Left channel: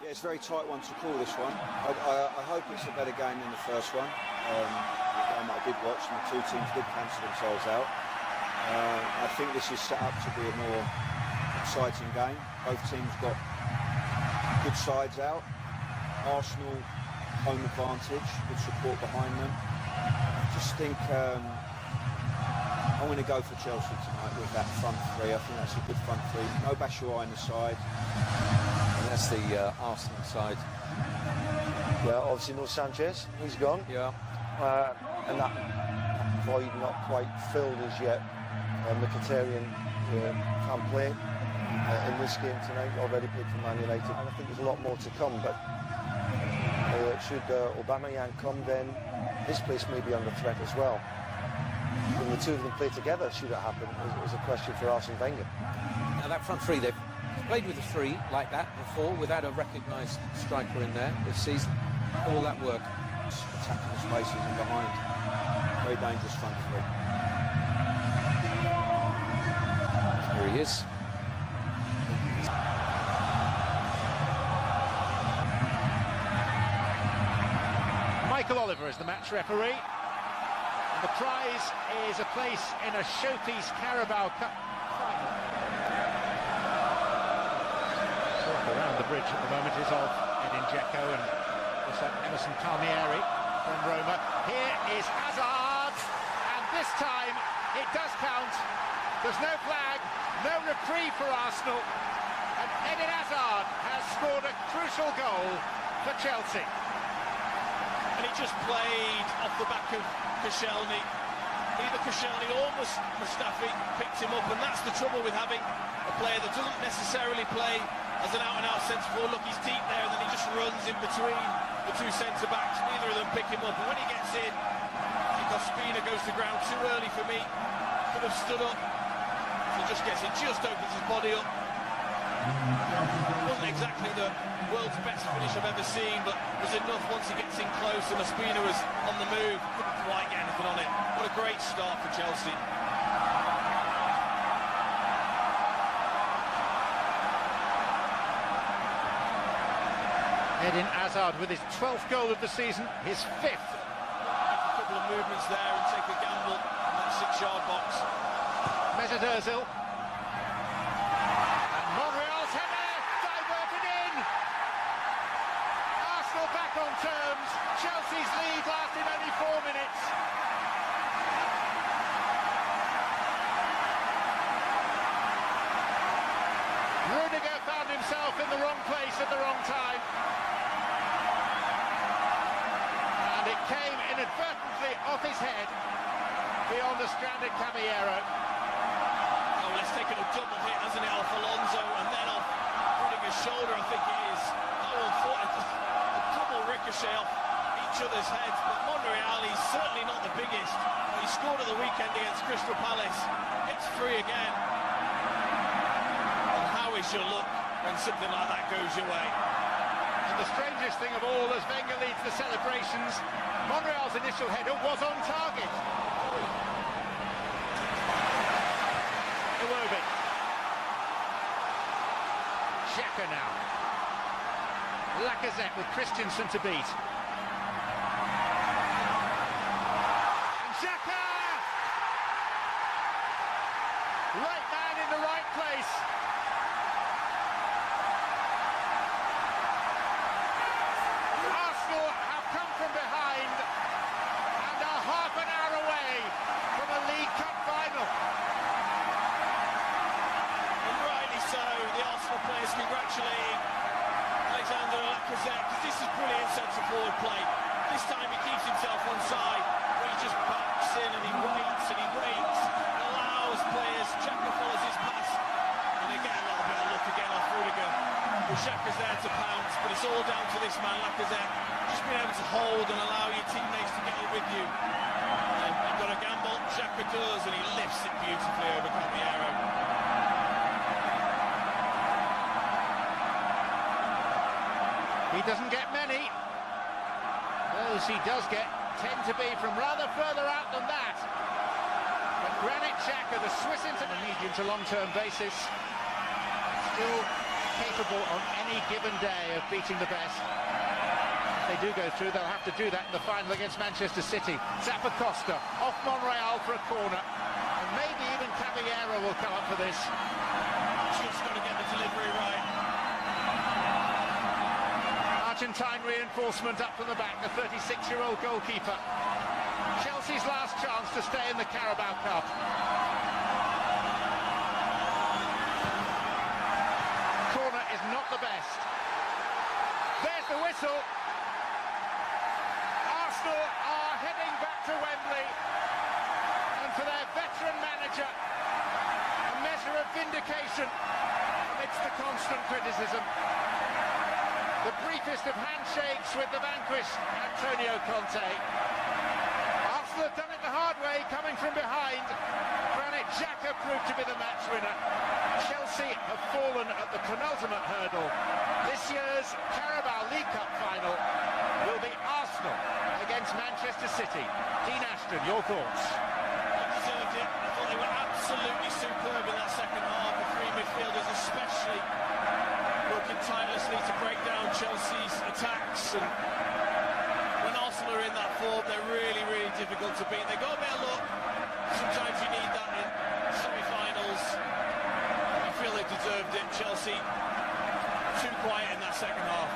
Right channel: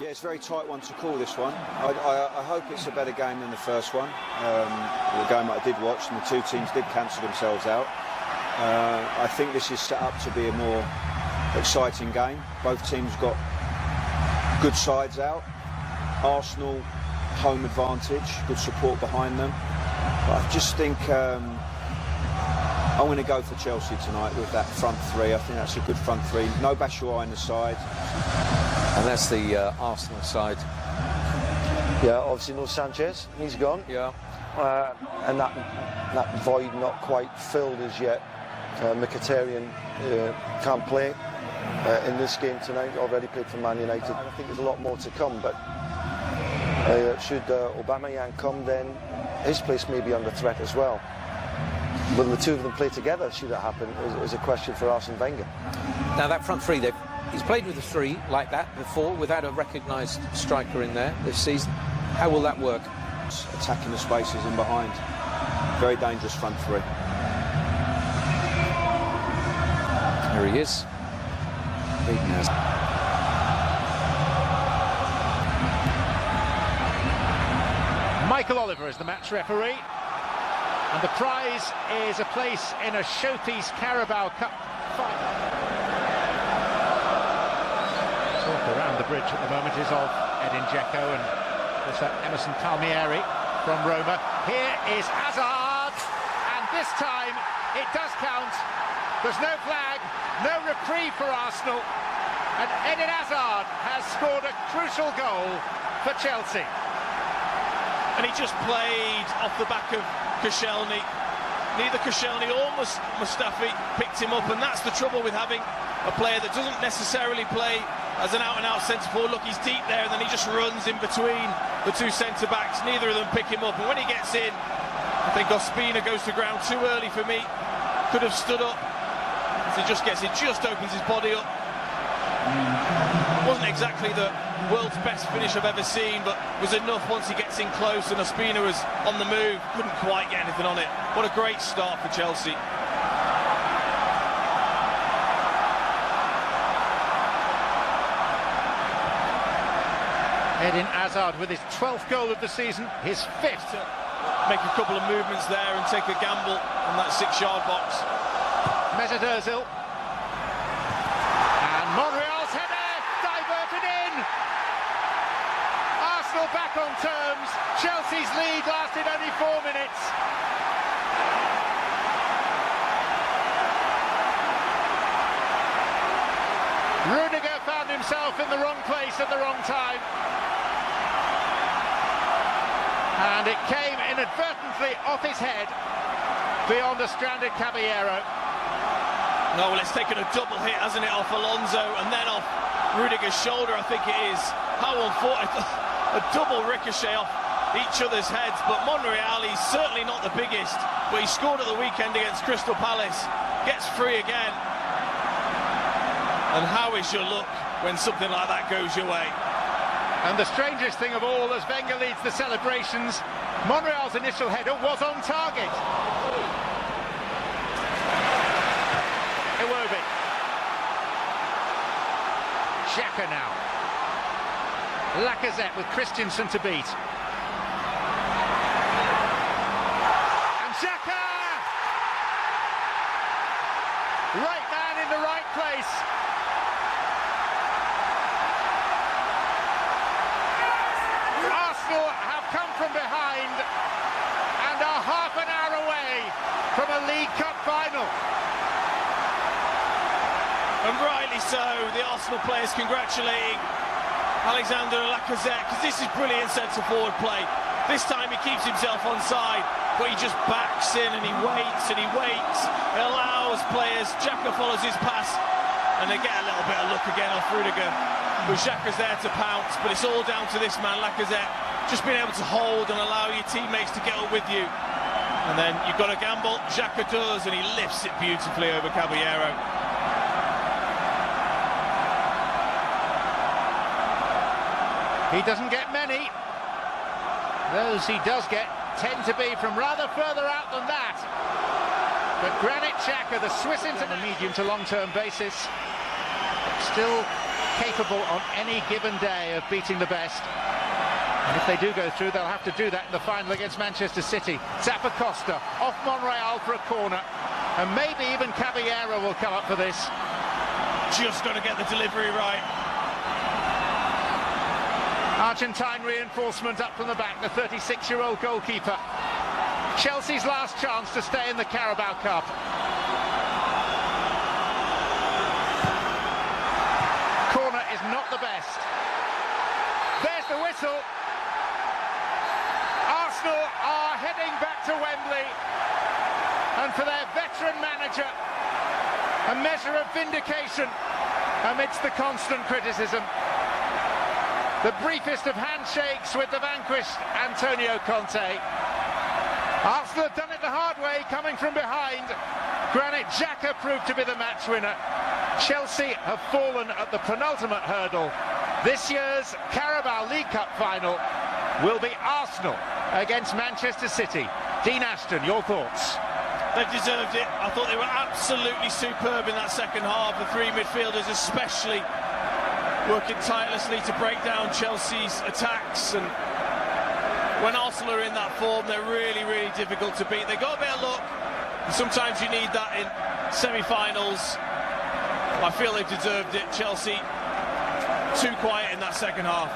Yeah, it's a very tight one to call, this one. I hope it's a better game than the first one. The game that I did watch, and the two teams did cancel themselves out. I think this is set up to be a more exciting game. Both teams got good sides out. Arsenal, home advantage, good support behind them. But I just think I'm going to go for Chelsea tonight with that front three. I think that's a good front three. No Batshuayi in the side. And that's the Arsenal side. Yeah, obviously no Sanchez, he's gone. Yeah. And that void not quite filled as yet. Mkhitaryan can't play in this game tonight, already played for Man United. And I think there's a lot more to come, but should Aubameyang come, then his place may be under threat as well. Will the two of them play together, should it happen, is a question for Arsene Wenger. Now that front three, he's played with a three like that before without a recognised striker in there this season. How will that work? Attacking the spaces in behind. Very dangerous front three. Here he is. Michael Oliver is the match referee, and the prize is a place in a Showpiece Carabao Cup final. Talk around the bridge at the moment is of Edin Dzeko and also Emerson Palmieri from Roma. Here is Hazard, and this time it does count. There's no flag, no reprieve for Arsenal, and Eden Hazard has scored a crucial goal for Chelsea. And he just played off the back of Koscielny. Neither Koscielny or Mustafi picked him up, and that's the trouble with having a player that doesn't necessarily play as an out-and-out centre-forward. Look, he's deep there, and then he just runs in between the two centre-backs. Neither of them pick him up, and when he gets in, I think Ospina goes to ground too early for me. Could have stood up. As he just gets in, just opens his body up. Wasn't exactly the world's best finish I've ever seen, but was enough once he gets in close, and Ospina was on the move, couldn't quite get anything on it. What a great start for Chelsea. Eden Hazard with his 12th goal of the season, his 5th. Make a couple of movements there and take a gamble on that 6-yard box. Mesut Ozil. And Monreal's header diverted in. Arsenal back on terms. Chelsea's lead lasted only 4 minutes. Rudiger found himself in the wrong place at the wrong time. And it came inadvertently off his head beyond a stranded Caballero. No, well, it's taken a double hit, hasn't it, off Alonso and then off Rudiger's shoulder, I think it is. How unfortunate. A double ricochet off each other's heads, but Monreal, he's certainly not the biggest, but he scored at the weekend against Crystal Palace, gets free again. And how is your luck when something like that goes your way? And the strangest thing of all, as Wenger leads the celebrations, Monreal's initial header was on target. Iwobi. Xhaka now. Lacazette with Christensen to beat. And Xhaka! Right man in the right place. Arsenal have come from behind and are half an hour away from a League Cup final. And rightly so, the Arsenal players congratulating Alexander Lacazette, because this is brilliant centre-forward play. This time he keeps himself onside, but he just backs in and he waits and he waits and allows players. Xhaka follows his pass and they get a little bit of luck again off Rudiger. But Xhaka's there to pounce, but it's all down to this man, Lacazette, just being able to hold and allow your teammates to get up with you. And then you've got a gamble, Xhaka does, and he lifts it beautifully over Caballero. He doesn't get many. Those he does get tend to be from rather further out than that. But Granit Xhaka, the Swiss international, on a medium to long-term basis, still capable on any given day of beating the best. And if they do go through, they'll have to do that in the final against Manchester City. Zappacosta off Monreal for a corner, and maybe even Caballero will come up for this. Just got to get the delivery right. Argentine reinforcement up from the back, the 36-year-old goalkeeper. Chelsea's last chance to stay in the Carabao Cup. Corner is not the best. There's the whistle. Arsenal are heading back to Wembley, and for their veteran manager, a measure of vindication amidst the constant criticism. The briefest of handshakes with the vanquished Antonio Conte. Arsenal have done it the hard way, coming from behind. Granit Xhaka proved to be the match winner. Chelsea have fallen at the penultimate hurdle. This year's Carabao League Cup final will be Arsenal against Manchester City. Dean Ashton, your thoughts? They've deserved it. I thought they were absolutely superb in that second half. The three midfielders especially working tirelessly to break down Chelsea's attacks, and when Arsenal are in that form, they're really, really difficult to beat. They got a bit of luck. Sometimes you need that in semi-finals. I feel they deserved it. Chelsea too quiet in that second half.